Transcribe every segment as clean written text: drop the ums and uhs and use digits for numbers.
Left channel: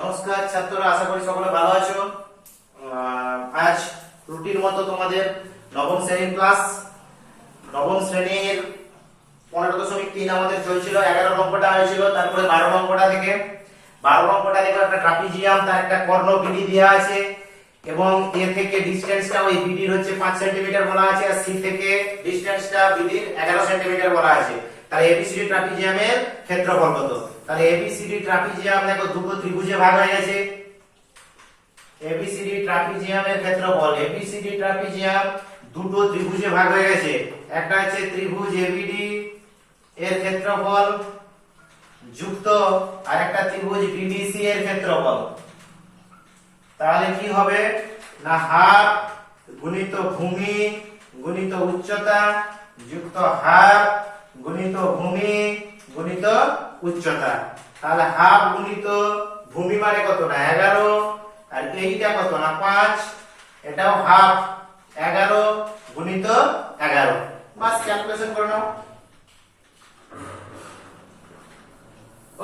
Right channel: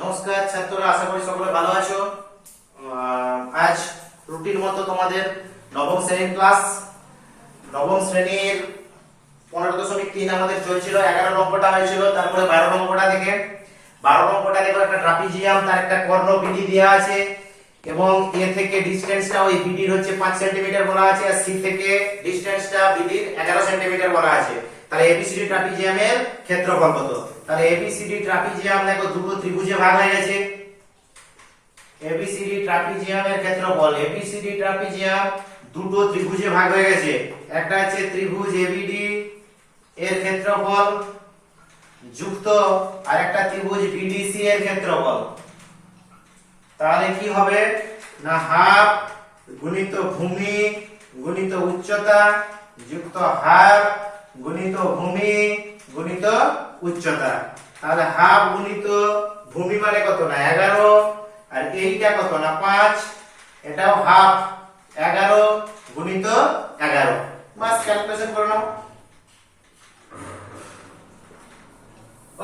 নমস্কার ছাত্ররা, আশা করি সকলে ভালো আছো। আজ রুটিন মতো তোমাদের নবম শ্রেণীর ক্লাস। নবম শ্রেণীর 15.3 আমাদের চলছিল। 11 অঙ্কটা হয়েছিল, তারপরে 12 অঙ্কটা থেকে 12 অঙ্কটা দেখো একটা ট্রাপিজিয়াম, তার একটা কর্ণ বিডি দেওয়া আছে এবং এ থেকে ডিসটেন্সটা ওই বিডির হচ্ছে 5 সেন্টিমিটার বলা আছে, আর সি থেকে ডিসটেন্সটা বিডির 11 সেন্টিমিটার বলা আছে। তাহলে এবিসিডি ট্রাপিজিয়ামের ক্ষেত্রফল কত? তাহলে এবিসিডি ট্রাপিজিয়াম দেখো দুটো ত্রিভুজে ভাগ হয়ে গেছে। এবিসিডি ট্রাপিজিয়ামের ক্ষেত্রফল, এবিসিডি ট্রাপিজিয়াম দুটো ত্রিভুজে ভাগ হয়ে গেছে। একটা হচ্ছে ত্রিভুজ এবিডি এর ক্ষেত্রফল যুক্ত আর একটা ত্রিভুজ বিডিসি এর ক্ষেত্রফল। তাহলে কি হবে না, হাফ গুণিত ভূমি গুণিত উচ্চতা যুক্ত হাফ গুণিত ভূমি গুণিত উচ্চতা। তাহলে হাফ গুণিত ভূমি মানে কত না 11, আর এইটা কত না 5, এটাও হাফ 11 গুণিত 11। বাস ক্যালকুলেশন করে নাও।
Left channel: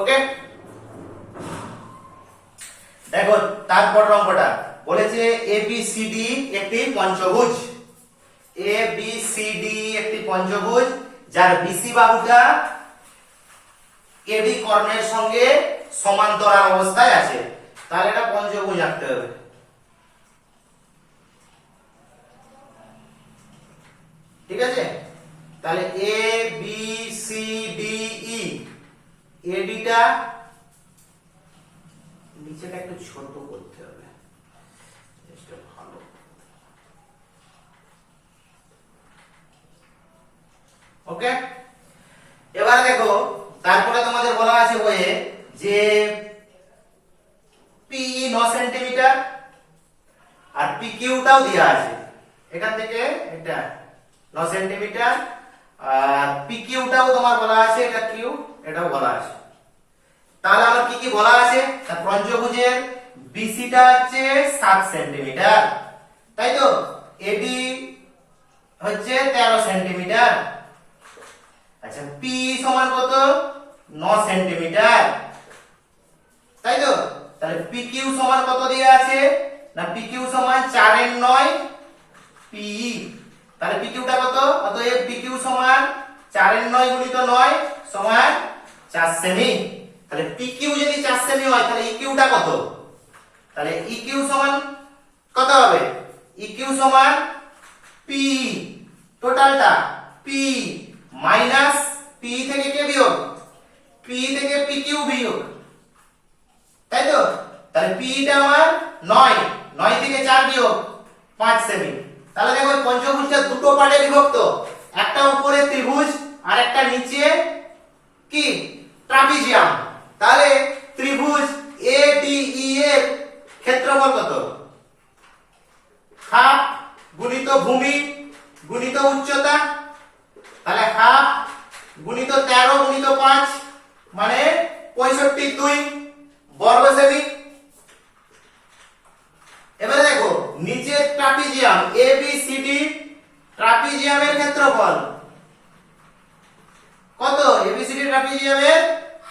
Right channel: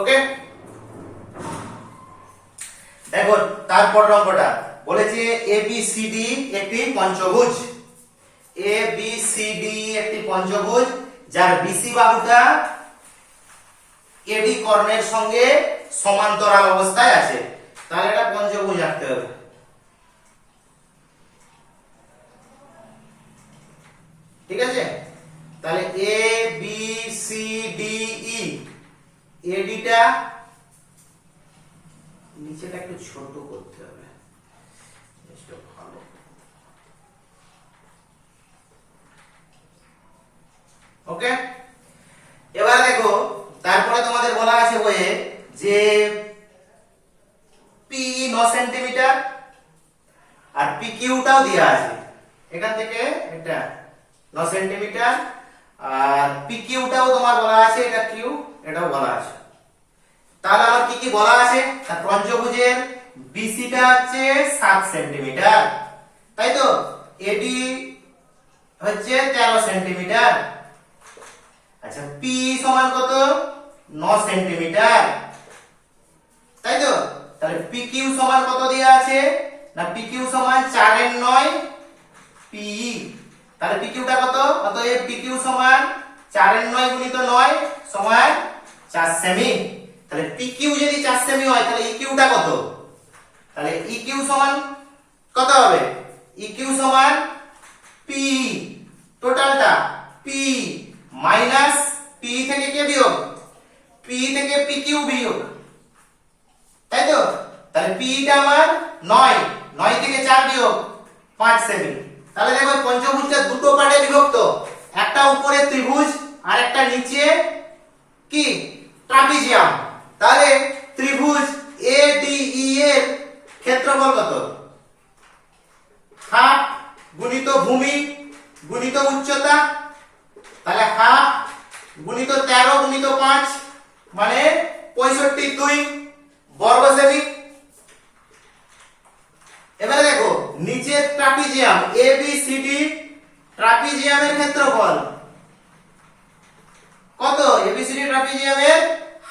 ওকে, দেখো তারপর অঙ্কটা বলেছে এবিসিডি একটি পঞ্চভুজ। এবিসিডি একটি পঞ্চভুজ যার বিসি বাহুটা এডি কর্ণের সঙ্গে সমান্তরাল অবস্থায় আছে। তাহলে এটা পঞ্চভুজ আঁকতে হবে। ঠিক আছে, তাহলে A B C D E, এডিটা নিচেটা একটু ছোট করতে হবে, ভালো। ওকে, এবারে দেখো তারপরে তোমাদের বলা আছে ওয়ে যে পি 9 সেন্টিমিটার আর পি কিউটাও দেওয়া আছে। এখান থেকে এটা 9 সেন্টিমিটার আর পি কিউটাও তোমার বলা আছে, এটা কিউ এটাও বলা আছে। তাহলে আমার কি কি বলা আছে, তার পঞ্চভুজের বিসিটা হচ্ছে 7 সেন্টিমিটার, তাই তো। এডি হচ্ছে 13 সেন্টিমিটার। আচ্ছা, পি সমান কত 9 সেন্টিমিটার, তাই তো। তাহলে পি কিউ সমান কত দেয়া আছে না, পি কিউ সমান 4 এর 9 পি। তাহলে পি কিউটা কত, অতএব পি কিউ সমান 4 এর 9 গুণিত 9 সমান 4 সেমি। তাহলে পি কিউ যদি 4 সেমি হয় তাহলে ই কিউটা কত? তাহলে ই কিউ সমান কত হবে? ই কিউ সমান পি টোটালটা পি মাইনাস পি থেকে কে বিয়োগ, পি থেকে পি কিউ বিয়োগ, তাই তো। তাহলে পিটা আমার 9, 9 থেকে 4 বিয়োগ 5 সেমি। তাহলে দেখো পঞ্চভুজটা দুটো পার্টে বিভক্ত, একটা উপরে ত্রিভুজ আর একটা নিচে কি ট্রাপিজিয়াম। তাহলে ত্রিভুজ এডিই এর ক্ষেত্রফল কত? হাফ গুণিত ভূমি গুণিত উচ্চতা। তাহলে হাফ গুণিত 13 গুণিত 5 মানে 65 বর্গ সেমি। এবারে দেখো নিচের ট্রাপিজিয়াম এবিসিডি ট্রাপিজিয়ামের ক্ষেত্রফল কত? এবিসিডি ট্রাপিজিয়ামের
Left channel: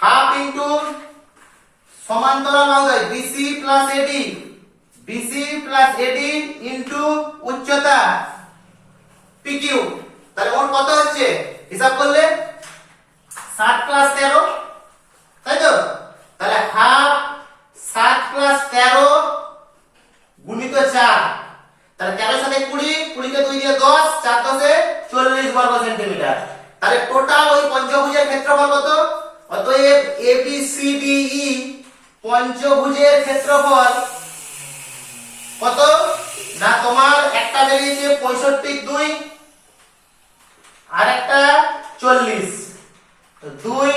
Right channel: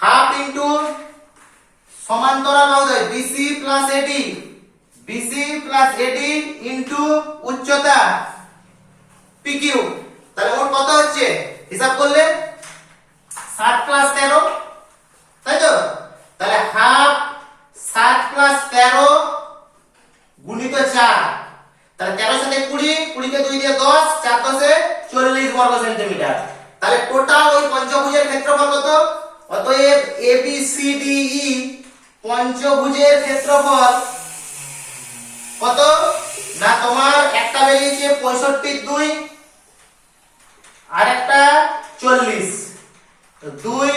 হাফ ইনটু সমান্তরাল বাহুদ্বয় বিসি প্লাস এডি, বিসি প্লাস এডি ইনটু উচ্চতা পিকিউ। তাহলে মোট কত হচ্ছে হিসাব করলে 7 প্লাস 13, তাই তো। তাহলে হাফ 7 প্লাস 13 গুণিত 4, তাহলে 13 সাথে 20, 20 কে 2 দিয়ে 10, 4 10 40 বর্গ সেন্টিমিটার। তাহলে টোটাল ওই পঞ্চভুজের ক্ষেত্রফল কত? অতএব এবিসিডিই পঞ্চভুজের ক্ষেত্রফল কত না, তোমার একটা বেরিয়েছে 65 আর একটা 40, 2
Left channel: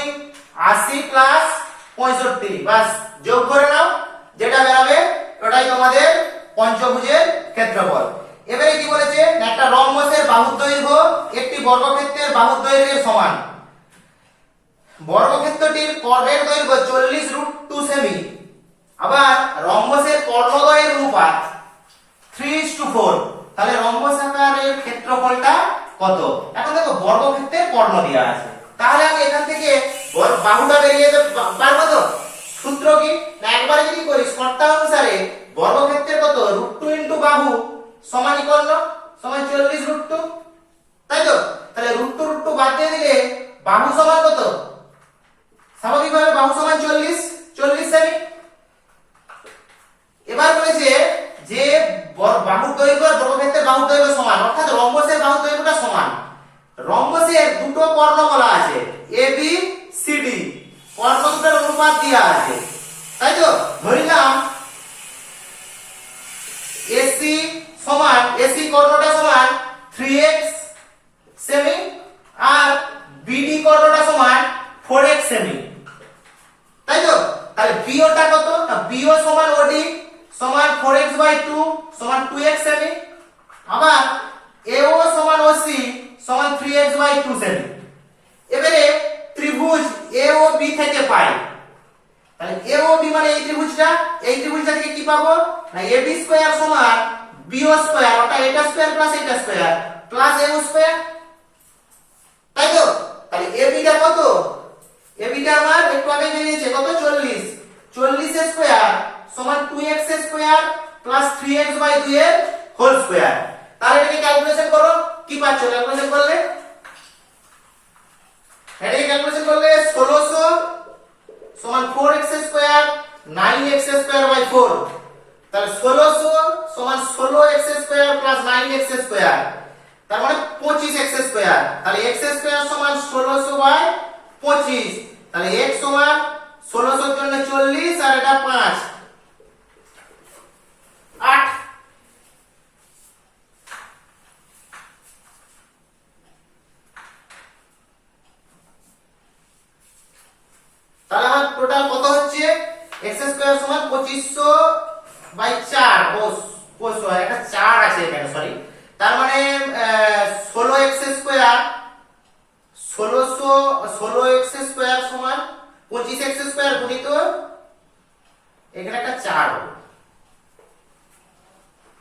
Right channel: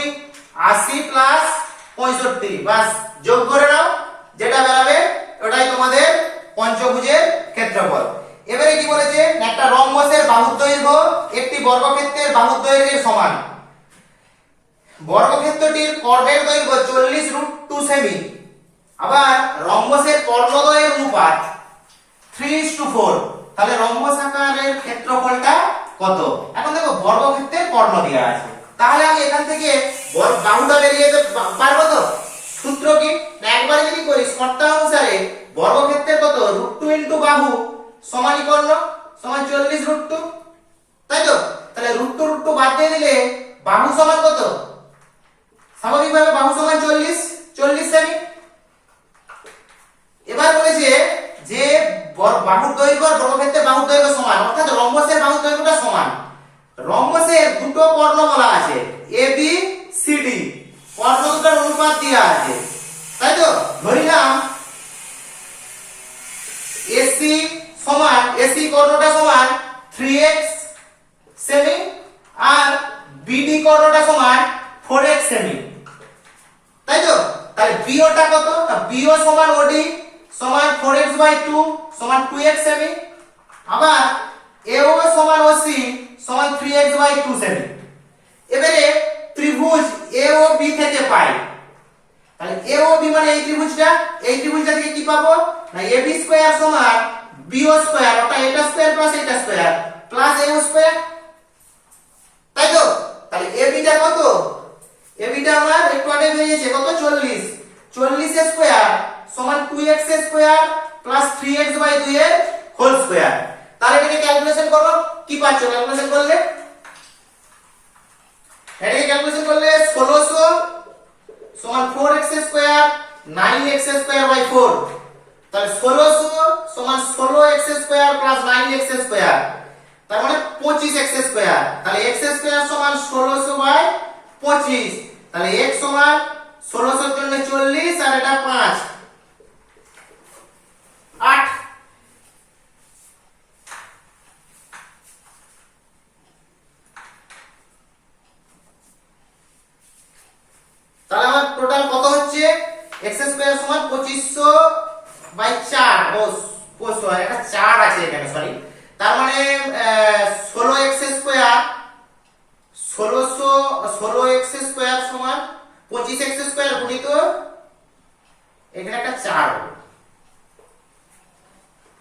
80 প্লাস 65, বাস যোগ করে নাও, যেটা বেরাবে ওটাই তোমাদের পঞ্চভুজের ক্ষেত্রফল। এবারে কি বলেছে, একটা রম্বসের বাহুর দৈর্ঘ্য একটি বর্গক্ষেত্রের বাহুর দৈর্ঘ্যের সমান। বর্গক্ষেত্রটির কর্ণের দৈর্ঘ্য 40√2 সেমি, আবার রম্বসের কর্ণদ্বয়ের অনুপাত 3:4। তাহলে রম্বস আকারের ক্ষেত্রফলটা কত? এখন দেখো বর্গক্ষেত্রের কর্ণ দেওয়া আছে, তাহলে আমি এখান থেকে বাহুটা বেরিয়ে যেতে পারবো তো। সূত্র কি, না একবারে যদি করি শর্তা অনুসারে বর্গক্ষেত্রের কত √2 ইনটু বাহু সমান কর্ণ সমান 40 √2, তাই তো? তাহলে √2 বাদ দিয়ে দিলে বাহু সমান কত, স্বাভাবিকভাবে বাহু সমান 40 সেমি। এবার বলেছে যে বাহুর দৈর্ঘ্য আর বর্গক্ষেত্রের বাহুর দৈর্ঘ্য সমান, অর্থাৎ রম্বসের বাহুর দৈর্ঘ্যটা সমান। রম্বসের দুটো কর্ণ বলা আছে এ বি সি ডি, কর্ণ দুটোর অনুপাত দেওয়া আছে, তাই তো? ধরিলাম এসি সমান, এসি কর্ণটা সমান 3x সেমি আর বিডি কর্ণটা সমান 4x সেমি, তাই তো? তাহলে বিওটা কত, না বিও সমান ওডি সমান 4x/2 সমান 2x সেমি, আবার এও সমান ওসি সমান 3x/2 সেমি। এবারে ত্রিভুজ এ ও বি থেকে পাই, তাহলে এ ও বি মানে এই ত্রিভুজটা থেকে কি পাবো, না ab স্কয়ার সমান bo স্কয়ার, অর্থাৎ এটা স্কয়ার প্লাস এটা স্কয়ার প্লাস ao স্কয়ার, তাই তো? তাহলে ab টা কত, ab টা আমার একটু আগে বেরিয়েছে কত 40 এর স্কয়ার সমান 2x এর স্কয়ার প্লাস 3x/2 এর হোল স্কয়ার। তাহলে এটাকে ক্যালকুলেশন করো, কি পাচ্ছ ক্যালকুলেশন করলে, এটাকে ক্যালকুলেশন করলে 1600 সমান 4x square 9x square by 4, তাহলে 1600 সমান 16x square plus 9x square, তার মানে 25x স্কয়ার। তাহলে x স্কয়ার সমান 1600 বাই 25, তাহলে x সমান 1600 এর জন্য 40 আর এটা 5 8। তাহলে আমার টোটাল কত হচ্ছে, x স্কয়ার সমান 2500/4, একটা 4 আছে এখানে সরি, তার মানে 16x স্কয়ার 16x স্কয়ার সমান 25x স্কয়ার গুণিত এখানে একটা 4 হবে,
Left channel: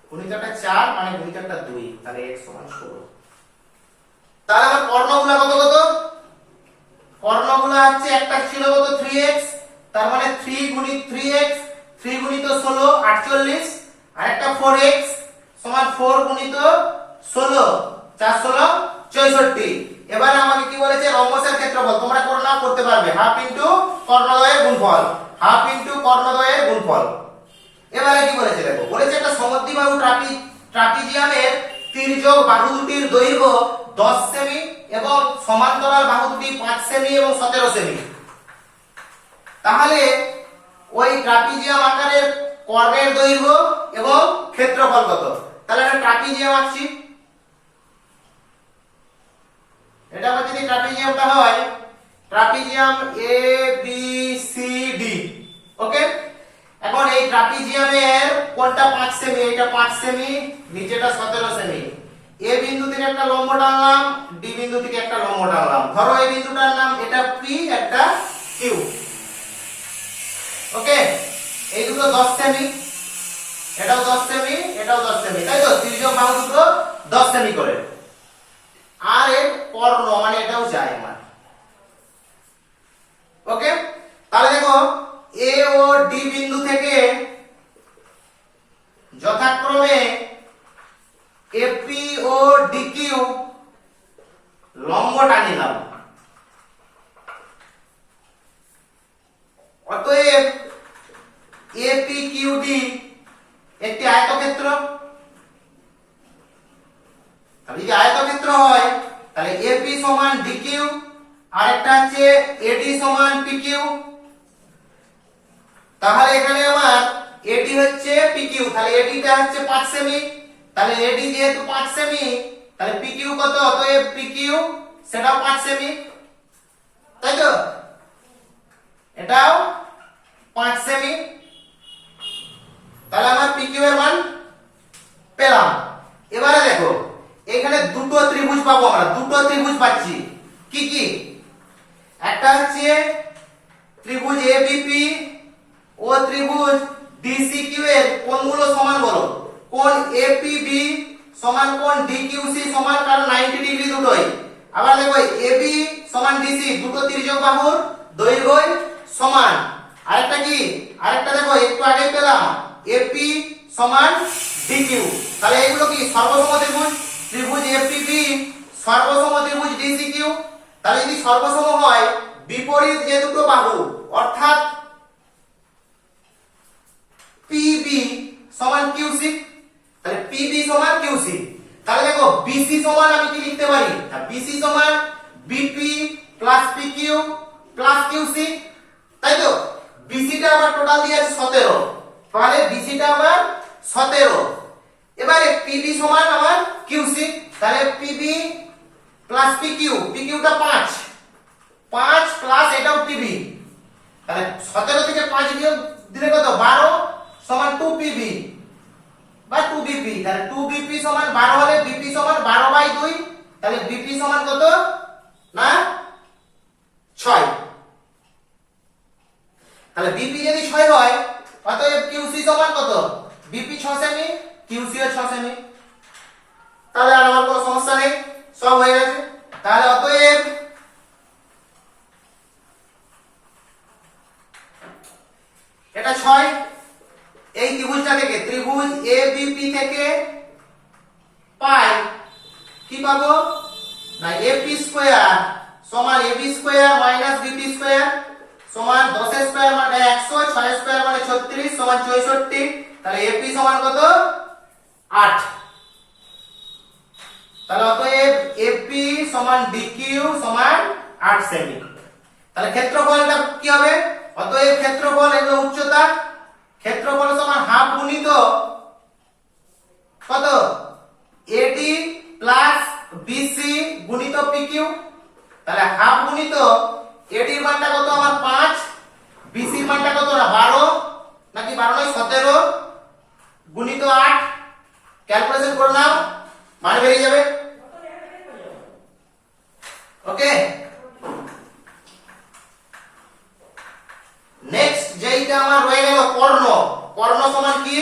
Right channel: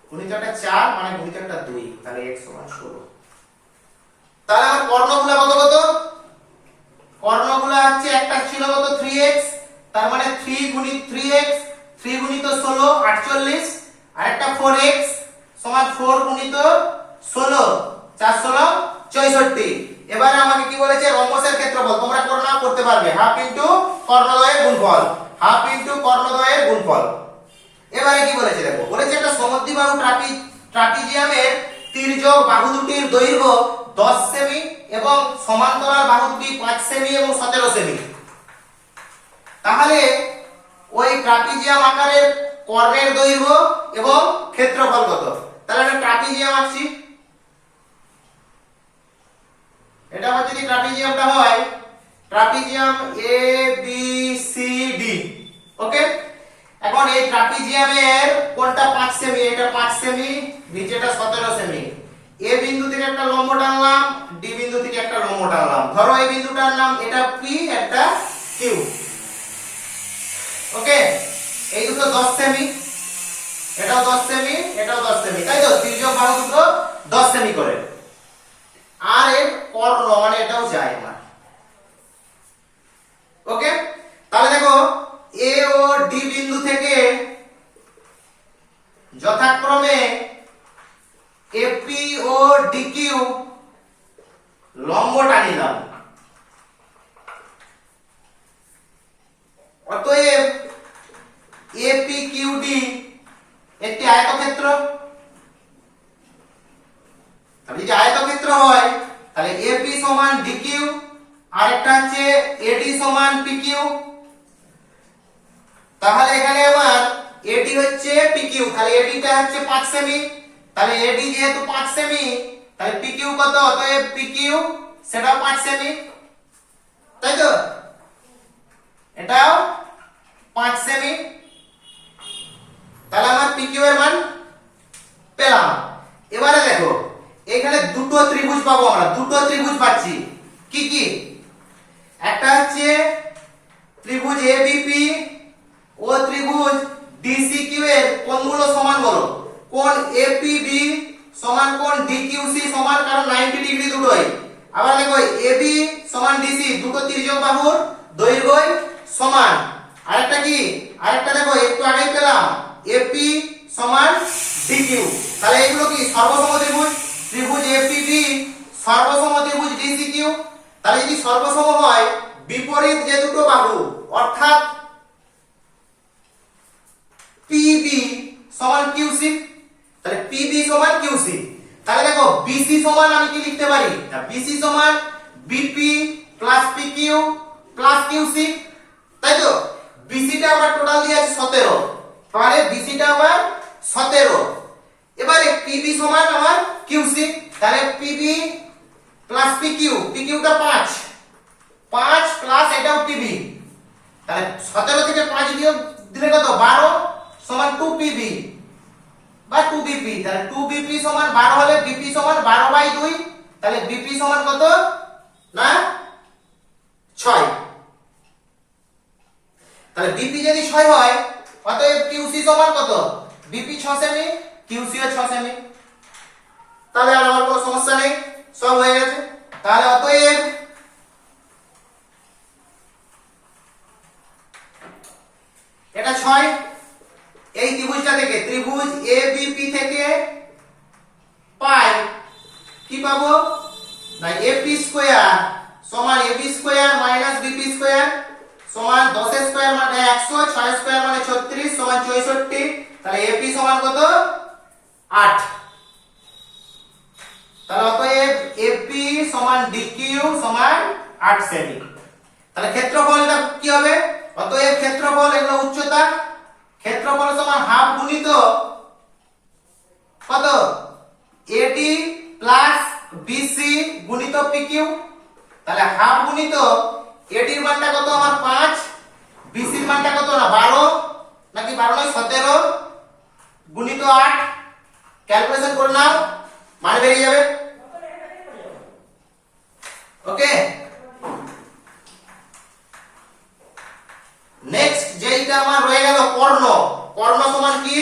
গুণিত একটা 4 মানে গুণিত একটা 2, তাহলে x সমান 16। তাহলে আমার কর্ণগুলো কত, কর্ণগুলো হচ্ছে একটা ছিল কত 3x, তার মানে 3 গুণিত 3x 3 গুণিত 16 48, আর একটা 4x সমান 4 গুণিত 16 4 16 64। এবারে আমাকে কি বলেছে, রম্বসের ক্ষেত্রফল তোমরা করতে পারবে হাফ ইনটু কর্ণদ্বয়ের গুণফল, হাফ ইনটু কর্ণদ্বয়ের গুণফল। এবারে কি বলেছে দেখো, বলেছে একটা সমদ্বিবাহু ট্রাপিজিয়ামের তির্যক বাহু দুটির দৈর্ঘ্য 10 সেমি এবং সমান্তরাল বাহু দুটি 5 সেমি এবং 17 সেমি। তাহলে ওই ট্রাপিজিয়াম আকারের কর্ণের দৈর্ঘ্য এবং ক্ষেত্রফল কত? তাহলে আমরা ট্রাপিজিয়াম আঁকছি, এটা আমার যদি ট্রাপিজিয়ামটা হয় trapezium A B C D, ওকে। এখন এই ট্রাপিজিয়ামের কোনটা 5 সেমি, এটা 5 সেমি, নিচেটা 17 সেমি। এ বিন্দু থেকে একটা লম্ব টানলাম, ডি বিন্দু থেকে একটা লম্ব টানলাম, ধরো এই বিন্দুটার নাম এটা পি একটা কিউ, ওকে। এই দুটো 10 সেমি, এটাও 10 সেমি, এটাও 10 সেমি, তাই তো? তির্যক বাহু দুটো 10 সেমি করে, আর এর কর্ণ মানে এটাও যায় আমার, ওকে। তাহলে দেখো এ ও ডি বিন্দু থেকে যথাক্রমে এপি ও ডিকিউ লম্ব টানিলাম, অতএব এপি কিউ ডি একটি আয়তক্ষেত্র। তাহলে যদি আয়তক্ষেত্র হয় তাহলে এপি সমান ডিকিউ আর একটা হচ্ছে এডি সমান পিকিউ। তাহলে এখানে আমার এডি হচ্ছে পিকিউ, তাহলে এডিটা হচ্ছে 5 সেমি, তাহলে এডি যেহেতু 5 সেমি তাহলে পিকিউ কত, অতএব পিকিউ সেটাও 5 সেমি, তাই তো? এটাও 5 সেমি। তাহলে আমার পিকিউ এর মান পেলাম। এবারে দেখো এখানে দুটো ত্রিভুজ পাবো, আমরা দুটো ত্রিভুজ পাচ্ছি, কি কি? একটা হচ্ছে ত্রিভুজ এবিপি ও ত্রিভুজ ডিসিকিউ এর কোণগুলো সমান বলো, কোণ এপিবি সমান কোণ ডিকিউসি সমান, কারণ 90 ডিগ্রি দুটোই। আবার দেখো এবি সমান ডিসি, দুটো তির্যক বাহুর দৈর্ঘ্যই সমান, আরেকটা কি, আরেকটা দেখো একটু আগেই পেলাম এপি সমান ডিকিউ। তাহলে এগুলো কি সর্বসম ত্রিভুজ, ত্রিভুজ এপিবি সর্বসম ত্রিভুজ ডিসিকিউ। তাহলে যদি সর্বসম হয় বিপরীত যে দুটো বাহু অর্থাৎ পিবি সমান কিউসি, তাহলে পিবি সমান কিউসি। তাহলে দেখো বিসি সমান আমি কি লিখতে পারি, বিসি সমান BP plus PQ plus QC, তাই তো। বিসিটা আবার টোটাল দিয়ে আছে 17, তাহলে বিসিটা আবার 17। এবারে পিবি সমান আমার কিউসি, তাহলে পিবি প্লাস পিকিউ, পিকিউটা 5, 5 প্লাস এটাও পিবি, তাহলে 17 থেকে 5 বিয়োগ দিলে কত 12 সমান 2 পিবি বা 2 বিপি। তাহলে 2 বিপি সমান 12 হলে বিপি সমান 12/2, তাহলে বিপি সমান কত না 6। তাহলে বিপি যদি 6 হয় অতএব কিউসি সমান কত, বিপি 6 সেমি কিউসিও 6 সেমি। তাহলে আর আমার কোনো সমস্যা নেই, সব হয়ে গেছে। তাহলে অতএব এটা 6, এই ত্রিভুজটা থেকে ত্রিভুজ এবিপি থেকে পাই কি পাবো না এপি স্কয়ার সমান AB square minus BP square সমান 10 স্কয়ার মানে 100, 6 স্কয়ার মানে 36 সমান 64। তাহলে এপি সমান কত 8। তাহলে অতএব এপি সমান ডিকিউ সমান 8 সেমি। তাহলে ক্ষেত্রফলটা কি হবে, অতএব ক্ষেত্রফল এগুলো উচ্চতা, ক্ষেত্রফল সমান হাফ গুণিত কত এডি প্লাস বিসি গুণিত পিকিউ। তাহলে হাফ গুণিত এডির মানটা কত আমার 5, বিসির মানটা কত না 12 নাকি 12 নয় 17 গুণিত 8, ক্যালকুলেশন করে নাও মান বেরিয়ে যাবে। ওকে, নেক্সট যেইটা আমার রয়ে গেল কর্ণ। কর্ণ সমান কি,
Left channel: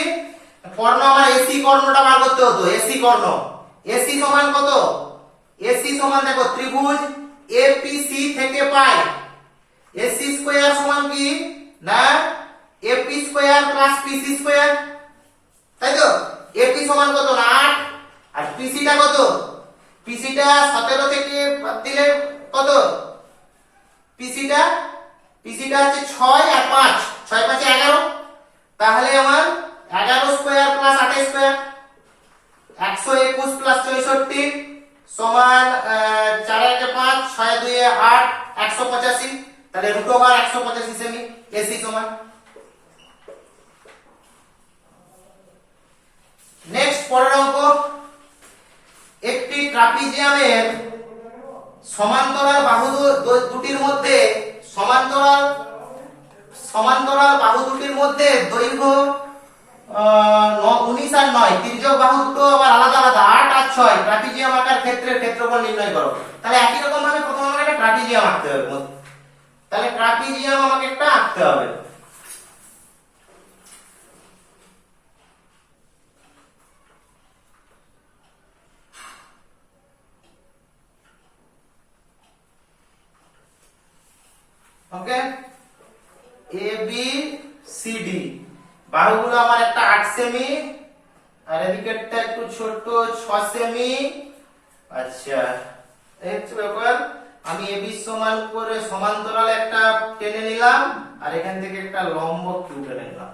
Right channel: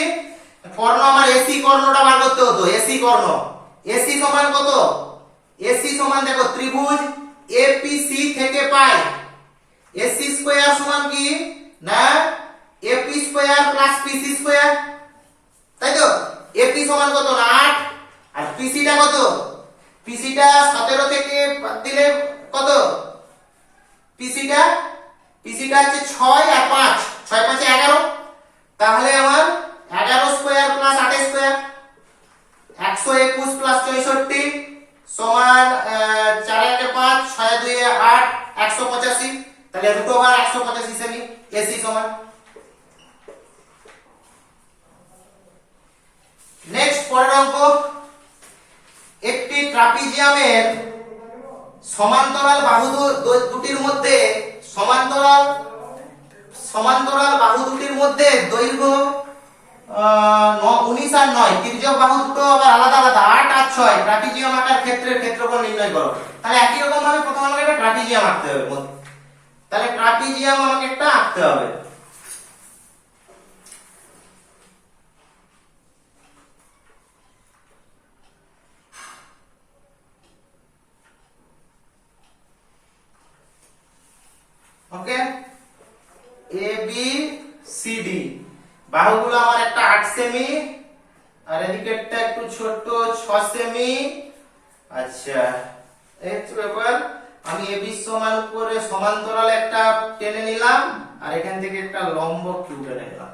কর্ণ আমার এসি কর্ণটা বার করতে হতো, এসি কর্ণ। এসি সমান কত, এসি সমান দেখো ত্রিভুজ এপিসি থেকে পাই এসি স্কয়ার সমান কি না AP square plus PC square, তাই তো। এপি সমান কত না 8 আর পিসিটা কত, পিসিটা 17 থেকে দিলে কত, পিসিটা হচ্ছে 6 আর 5, 6 5 11। তাহলে আমার 11 স্কয়ার প্লাস 8 স্কয়ার 121 প্লাস 64 সমান 4 1 5 6 2 8 185। তাহলে রুট ওভার 185 সেমি এসি সমান। নেক্সট পরের অঙ্ক, একটি ট্রাপিজিয়ামের সমান্তরাল বাহু দুটির মধ্যে সমান্তরাল বাহু দুটির মধ্যে দৈর্ঘ্য 19 আর 9, তির্যক বাহু দুটো আবার আলাদা আলাদা 8 আর 6। ট্রাপিজিয়াম আকার ক্ষেত্রের ক্ষেত্রফল নির্ণয় করো। তাহলে একই রকম ভাবে প্রথমে আমাকে একটা ট্রাপিজিয়াম আঁকতে হবে। তাহলে ট্রাপিজিয়াম আমাকে একটা আঁকতে হবে। ওকে, এ বি সি ডি বাহুগুলো আমার একটা 8 সেমি আর এদিকেরটা একটু ছোট 6 সেমি। আচ্ছা এই হচ্ছে ব্যাপার, আমি এবি সমান করে সমান্তরাল একটা টেনে নিলাম আর এখান থেকে একটা লম্ব কিউ টেনে নিলাম।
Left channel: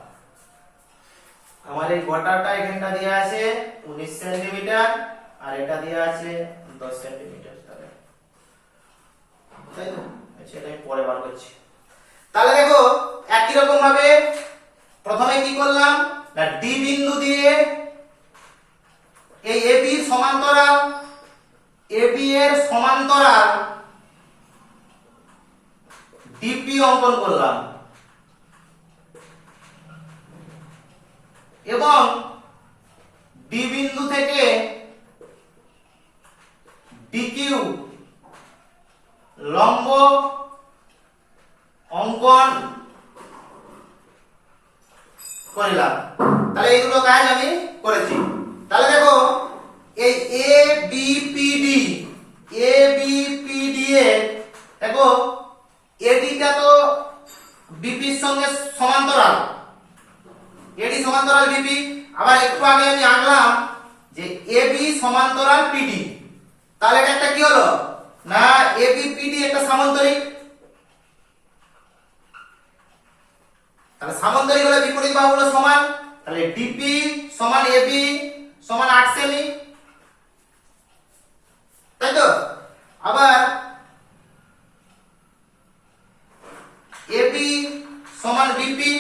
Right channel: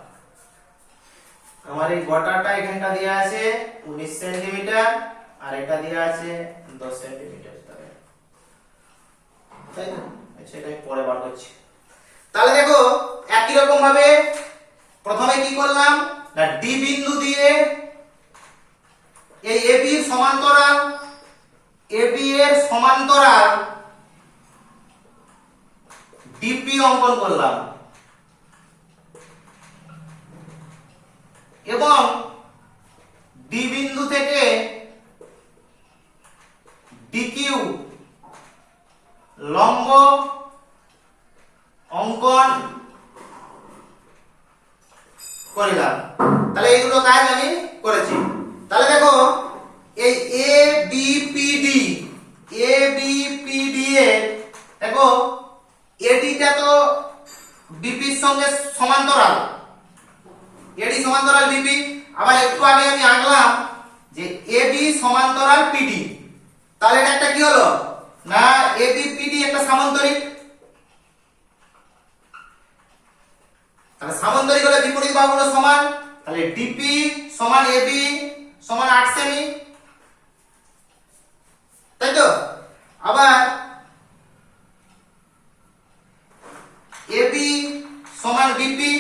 আমার এই গোটাটা এখানটা দেয়া আছে 19 সেন্টিমিটার আর এটা দেয়া আছে 10 সেন্টিমিটার, তাই তো। সেটা আমি পরে বার করছি। তাহলে দেখো একই রকম ভাবে প্রথমে কি করলাম না ডি বিন্দু দিয়ে এই এবি এর সমান্তরাল ডিপি অঙ্কন করলাম এবং ডি বিন্দু থেকে ডিকিউ লম্ব অঙ্কন করলাম। তাহলে এইগুলো কাজ আমি করেছি। তাহলে দেখো এই এ বি পি ডি এর দেখো এডিটা তো বিপি সঙ্গে সমান্তরাল, এডি সমান্তরাল বিপি। আবার একটু আগে আমি আঁকলাম যে এবি সমান্তরাল পিডি, তাহলে এটা একটা কি হলো না এবি পিডি একটা সামান্তরিক। তাহলে সামান্তরিক হলে বিপরীত বাহুগুলো সমান, তাহলে ডিপি সমান এবি সমান 8 সেমি, তাই তো। আবার এবি সমান বিপি,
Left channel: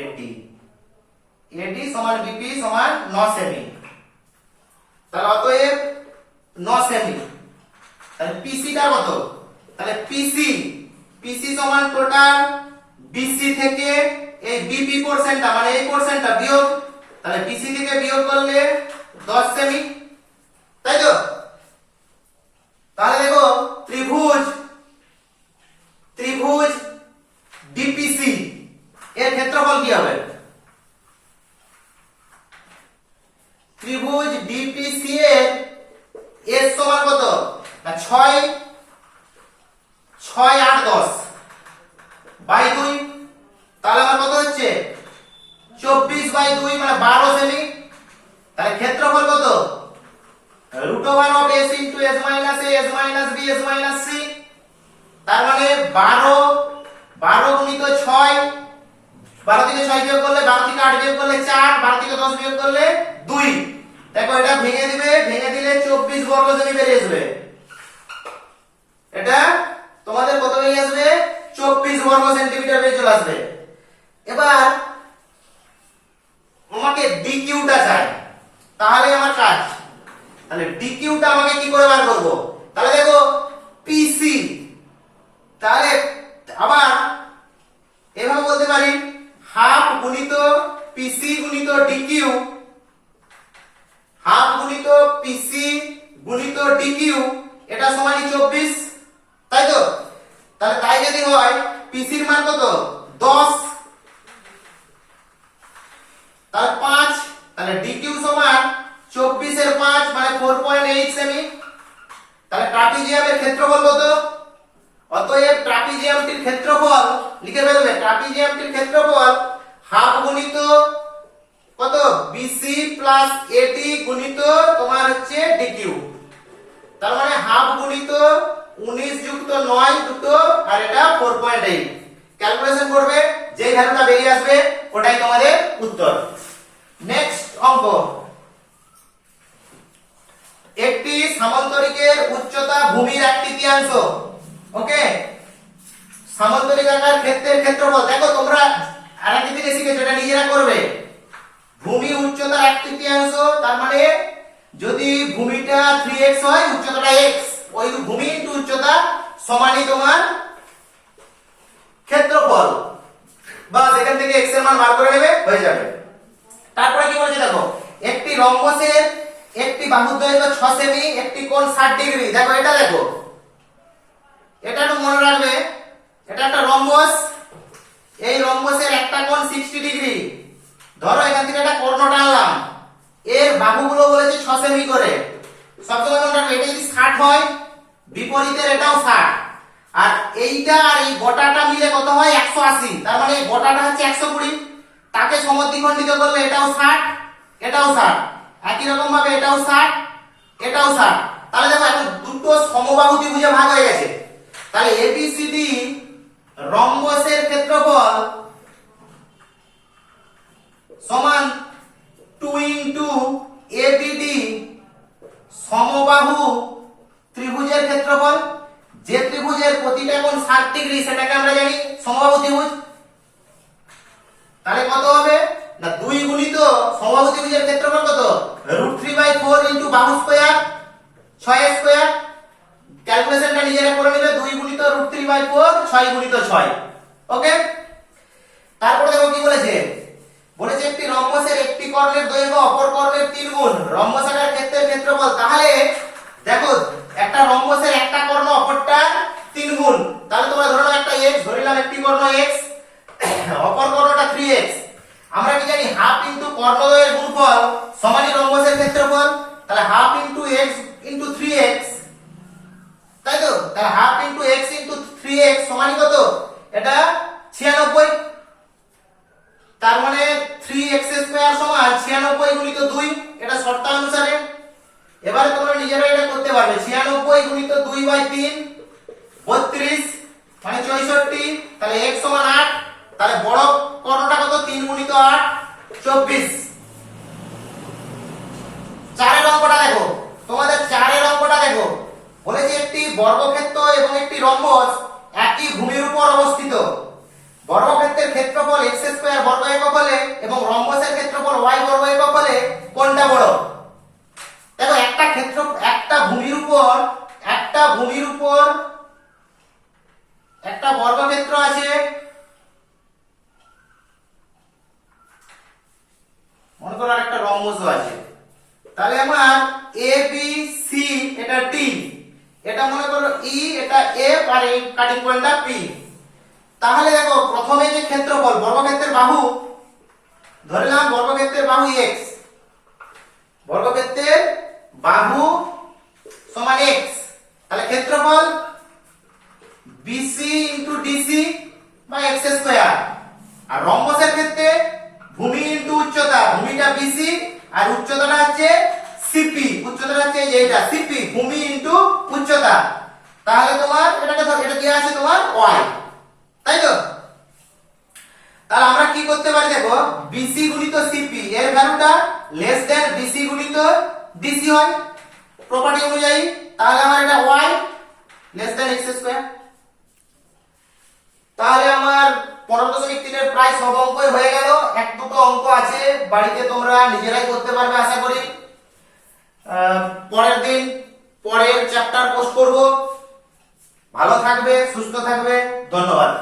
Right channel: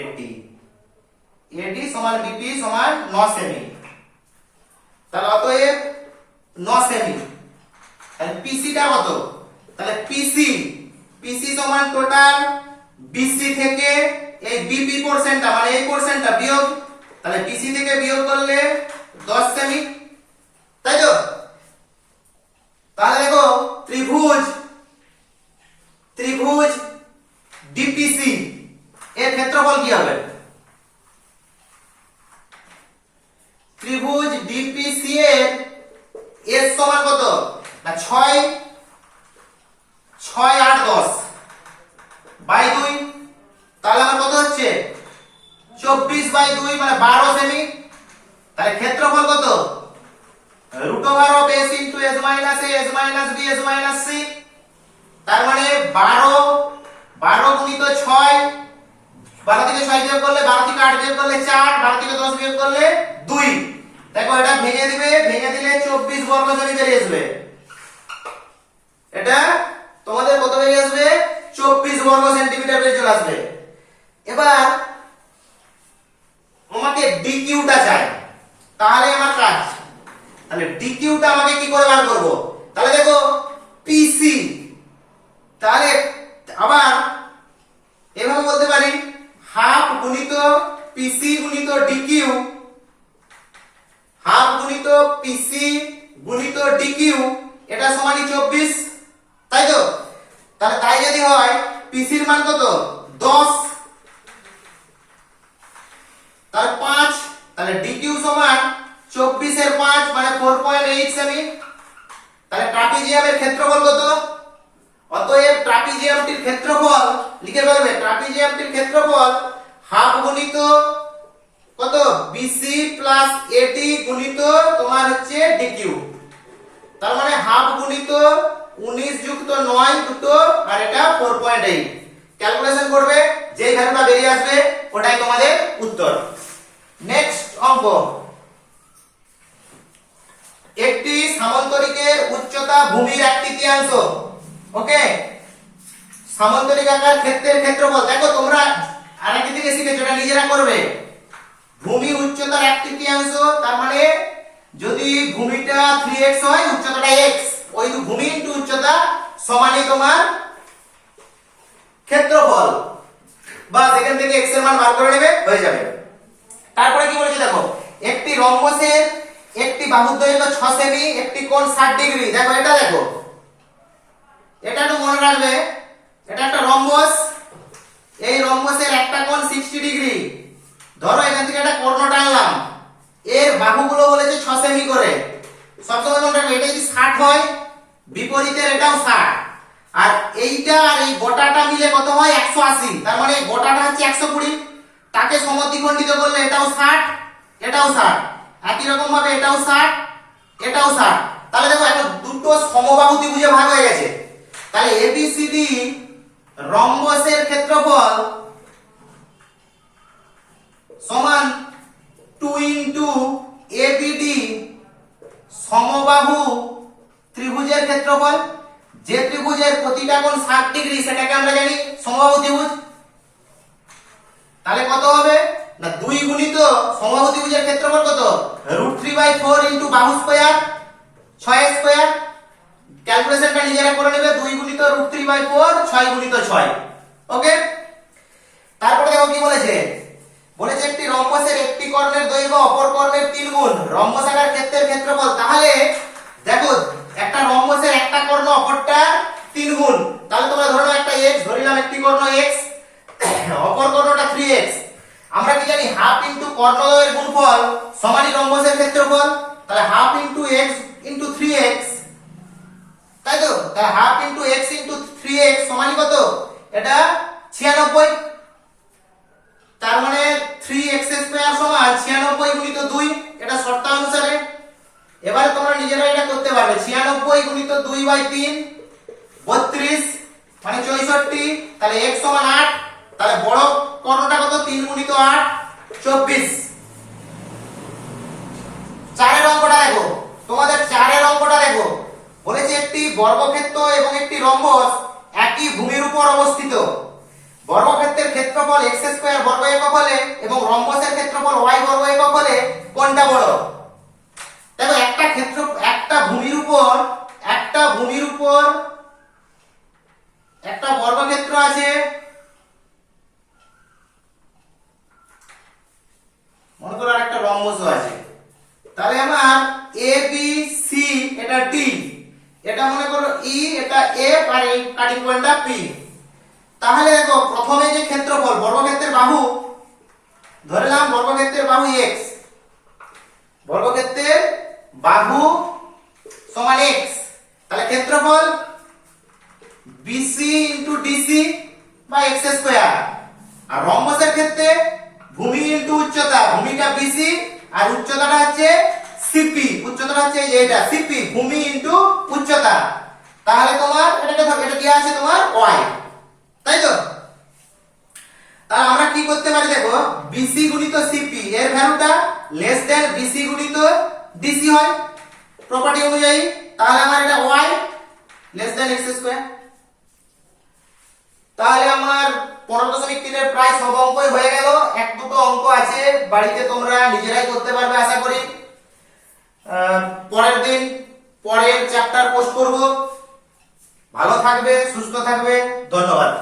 এডি এডি সমান বিপি সমান 9 সেমি, তাহলে অতএব 9 সেমি। তাহলে পিসি টা কত, তাহলে পিসি পিসি সমান টোটাল বিসি থেকে এই বিপি পোরশনটা মানে এই পোরশনটা বিয়োগ, তাহলে পিসি থেকে বিয়োগ করলে 10 সেমি, তাই তো। তাহলে দেখো ত্রিভুজ ত্রিভুজ ডিপিসি এর ক্ষেত্রফল কি হবে, ত্রিভুজ ডিপিসি এর এর সমান কত না 6 6 8 10 বাই 2, তাহলে আমার কত হচ্ছে 24 বাই 2 মানে 12 সেমি। তাহলে ক্ষেত্রফল কত √of s into s minus a s minus b s minus c, তার মানে 12 গুণিত 6, 12 থেকে 6 বিয়োগ করলে 12 থেকে 8 বিয়োগ করলে 4, 12 থেকে 10 বিয়োগ করলে 2। দেখো এটা ভেঙে দিবে, ভেঙে দিলে 24 বর্গ সেমি বেরিয়ে আসবে। এটা তোমাদের কত বেরিয়ে আসবে 24 বর্গ সেন্টিমিটার বেরিয়ে চলে আসবে। এবার আমাকে ডিকিউটা চাই, তাহলে আমার কাজ, তাহলে ডিকিউটা আমাকে কি করে বার করব, তাহলে দেখো পিসি, তাহলে আবার এভাবে বলতে পারি হাফ গুণিত পিসি গুণিত ডিকিউ, হাফ গুণিত পিসি গুণিত ডিকিউ, এটা সমানই 24, তাই তো। তাহলে তাই যদি হয় পিসির মান কত 10, তাহলে 5, তাহলে ডিকিউ সমান 24 এর 5 মানে 4.8 সেমি। তাহলে ট্রাপিজিয়ামের ক্ষেত্রফল কত, অতএব ট্রাপিজিয়ামটির ক্ষেত্রফল লিখে ফেলবে, ট্রাপিজিয়ামটির ক্ষেত্রফল হাফ গুণিত কত বিসি প্লাস এডি গুণিত তোমার হচ্ছে ডিকিউ, তার মানে হাফ গুণিত 19 যুক্ত 9 দুটো আর এটা 4.8। ক্যালকুলেশন করবে, যে ভ্যালুটা বেরিয়ে আসবে ওটাই তোমাদের উত্তর। নেক্সট অঙ্ক, একটি সামান্তরিকের উচ্চতা ভূমির 1/3। ওকে, সামান্তরিক আকার ক্ষেত্রের ক্ষেত্রফল, দেখো তোমরা আরেকটি থেকে শিখেছো, এটা নিজেরা করবে। ভূমি উচ্চতার 1/3, তার মানে যদি ভূমিটা 3x হয় উচ্চতাটা x, ওই ভূমি ইনটু উচ্চতা সমানই তোমার ক্ষেত্রফল, বাস এখান থেকে x এর মান বার করে নেবে, হয়ে যাবে। তারপরে কি বলেছে দেখো, একটি রম্বসের একটি বাহুর দৈর্ঘ্য 6 সেমি, একটি কোণ 60 ডিগ্রি। দেখো এটা, দেখো এটা একটু মনে রাখবে, এটা একটা রম্বস, এই রম্বসের একটা কোণ 60 ডিগ্রি। ধরো এখান থেকে একটা কর্ণ টানলাম, এর বাহুগুলো বলেছে 6 সেমি করে। সবসময় মনে রাখবে, এটা যদি 60 হয় বিপরীতের এটাও 60, আর এইটা আর এই গোটাটা মিলে কত হয় 180, তার মানে গোটাটা হচ্ছে 120। তাকে সমদ্বিখণ্ডিত করলে এটাও 60 এটাও 60, একই রকম ভাবে এটাও 60 এটাও 60। তাহলে দেখো এখন দুটো সমবাহু ত্রিভুজে ভাগ হয়ে গেছে। তাহলে এবিসিডি রম্বসের ক্ষেত্রফল সমান 2 ইনটু এবিডি সমবাহু ত্রিভুজের ক্ষেত্রফল। যে ত্রিভুজের প্রতিটা কোণ 60 ডিগ্রি সেটাকে আমরা জানি সমবাহু ত্রিভুজ। তাহলে কত হবে না 2 গুণিত সমবাহু ত্রিভুজের ক্ষেত্রফল কত √3/4 ইনটু বাহু স্কয়ার 6 স্কয়ার। ক্যালকুলেশনটা নিজেরা করে নেবে, 2 গুণিত √3/4 6 গুণিত 6। ওকে, তারপরে দেখো কি বলেছে, বলেছে একটি রম্বসের একটি কর্ণের দৈর্ঘ্য অপর কর্ণের 3 গুণ, রম্বসাকার ক্ষেত্রের ক্ষেত্রফল। তাহলে দেখো একটা রম্বসের একটা কর্ণ অপরটা 3 গুণ, তাহলে তোমরা ধরে নাও একটা x, ধরিলাম একটি কর্ণ x, অপর কর্ণটা 3x। আমরা কি জানি হাফ ইনটু কর্ণদ্বয়ের গুণফল সমানই রম্বসের ক্ষেত্রফল। তাহলে half into x into 3x 32 মানে 64, তাহলে x সমান 8, তাহলে বড় কর্ণটা কত? 3 গুণিত 8 24। চারের অঙ্কটা দেখো, তোমাদের চারের অঙ্কটা দেখো, বলেছে একটি বর্গক্ষেত্র এবং একটি রম্বস একই ভূমির উপর অবস্থিত। বর্গক্ষেত্রের ক্ষেত্রফল x স্কয়ার বর্গ একক হলে এবং রম্বসের ক্ষেত্রফল y বর্গ একক হলে কোনটা বড়? দেখো একটা ভূমির উপর একটা বর্গক্ষেত্র আছে, মনে করো আর একটা রম্বসও আছে। তাহলে আমার এ বি সি এটা ডি, এটা মনে করো ই, এটা এফ আর এই কাটিং পয়েন্টটা পি। তাহলে দেখো প্রথমে যে ক্ষেত্রফল বর্গক্ষেত্রের বাহু, ধরলাম বর্গক্ষেত্রের বাহু x, বর্গক্ষেত্রের বাহু সমান x, তাহলে ক্ষেত্রফল BC ইনটু DC বা x স্কয়ার। আর রম্বসের ক্ষেত্রে ভূমি ইনটু উচ্চতা, ভূমিটা BC আর উচ্চতাটা হচ্ছে CP, উচ্চতাটা হচ্ছে এই যে এটা CP, ভূমি ইনটু উচ্চতা। তাহলে তোমার এটা কি আছে তোমার y, তাই তো? তাহলে আমরা কি করতে পারি দেখো, BC গুণিত CP এর ভ্যালুটা লেস দেন BC গুণিত DC হয় প্রপার্টি অনুযায়ী, তাহলে আমার এটা y less than x square. তাহলে আমার 15.3 এর প্রায় সব অঙ্কই হয়ে গেল। এক দুটো অঙ্ক আছে, বাড়িতে তোমরা নিজেরাই করতে পারবে আশা করি। পরের দিন পরের চ্যাপ্টার পোস্ট করব। ভালো থাকবে, সুস্থ থাকবে, ধন্যবাদ।